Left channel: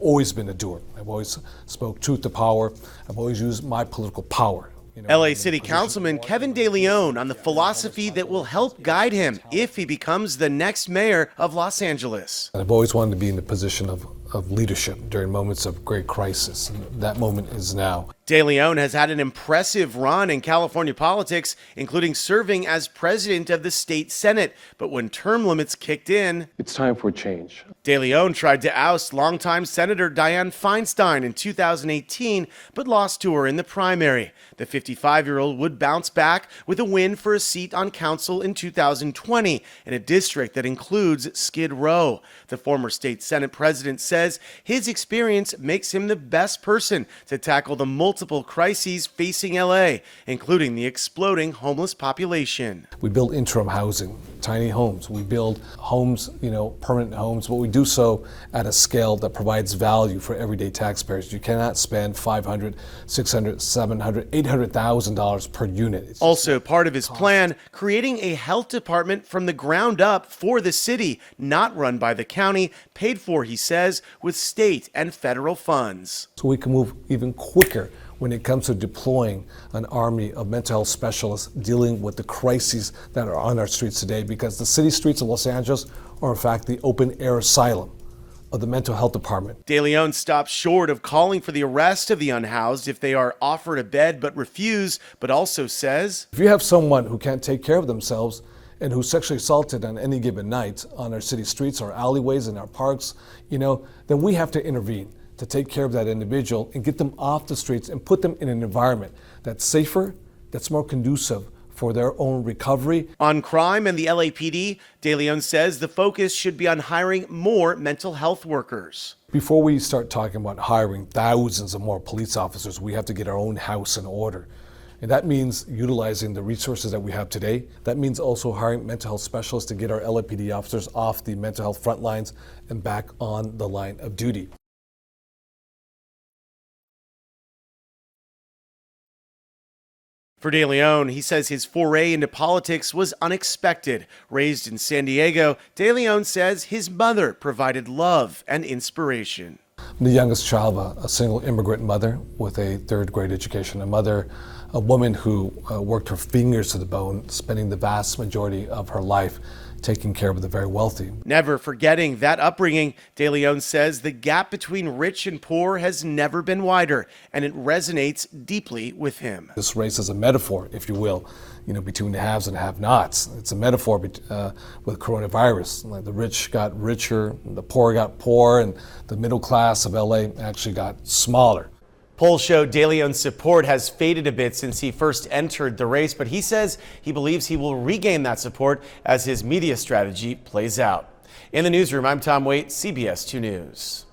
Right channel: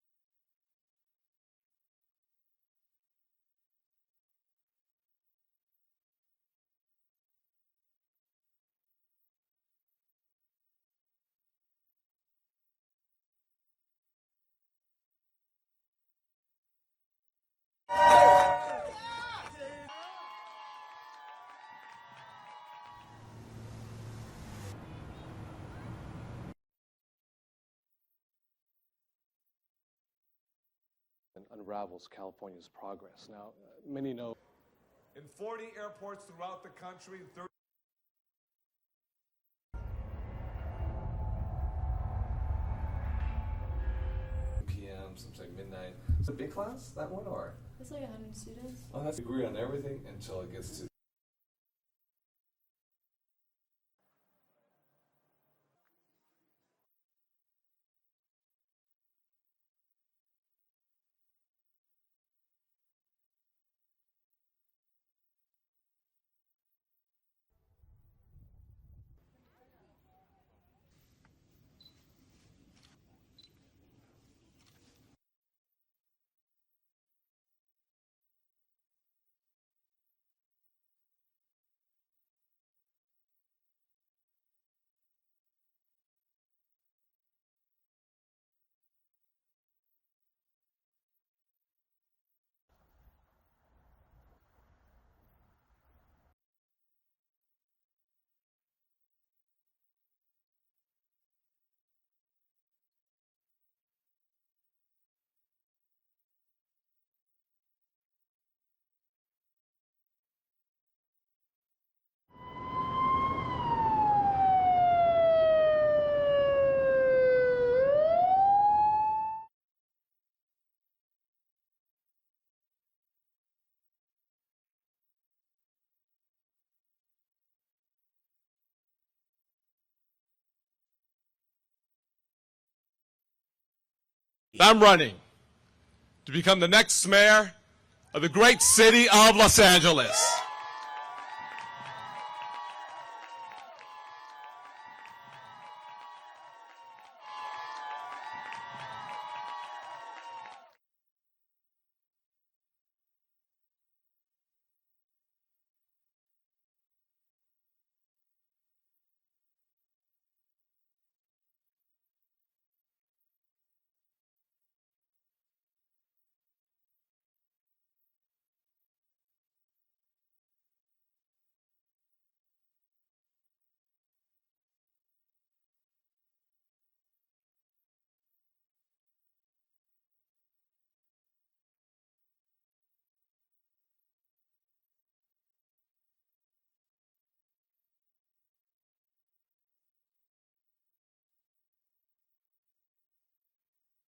Always been a doer. I've always spoke truth to power. I've always used my political power. LA City Councilman Kevin De León on the philosophy that will help guide him if he becomes the next mayor of Los Angeles. I've always wanted to be in the position of leadership during moments of great crisis. And that moment is now. De León has had an impressive run in California politics, including serving as president of the state Senate. But when term limits kicked in, it's time for change. De León tried to oust longtime Senator Dianne Feinstein in 2018, but lost to her in the primary. The 55-year-old would bounce back with a win for a seat on council in 2020 in a district that includes Skid Row. The former state Senate president says his experience makes him the best person to tackle the multiple crises facing LA, including the exploding homeless population. We build interim housing, tiny homes. We build homes, permanent homes, but we do so at a scale that provides value for everyday taxpayers. You cannot spend $500, $600, $700, $800,000 per unit. Also part of his plan, creating a health department from the ground up for the city, not run by the county, paid for, he says, with state and federal funds. So we can move even quicker when it comes to deploying an army of mental health specialists dealing with the crises that are on our streets today, because the city streets of Los Angeles are in fact the open air asylum of the mental health department. De León stops short of calling for the arrest of the unhoused if they are offered a bed but refuse, but also says, if you have someone who can't take care of themselves and who's sexually assaulted on any given night on our city streets, our alleyways, and our parks, then we have to intervene to take care of that individual and get them off the streets and put them in an environment that's safer, that's more conducive for their own recovery. On crime and the LAPD, De León says the focus should be on hiring more mental health workers. Before we start talking about hiring thousands of more police officers, we have to get our own house in order. And that means utilizing the resources that we have today. That means also hiring mental health specialists to get our LAPD officers off the mental health front lines and back on the line of duty. I'm running to become the next mayor of the great city of Los Angeles. For De León, he says his foray into politics was unexpected. Raised in San Diego, De León says his mother provided love and inspiration. I'm the youngest child of a single immigrant mother with a third grade education, a woman who worked her fingers to the bone, spending the vast majority of her life taking care of the very wealthy. Never forgetting that upbringing, De León says the gap between rich and poor has never been wider, and it resonates deeply with him. This race is a metaphor, if you will, between the haves and have-nots. It's a metaphor with coronavirus. Like the rich got richer, the poor got poorer, and the middle class of LA actually got smaller. Polls show De León's support has faded a bit since he first entered the race, but he says he believes he will regain that support as his media strategy plays out. In the newsroom, I'm Tom Waite, CBS 2 News.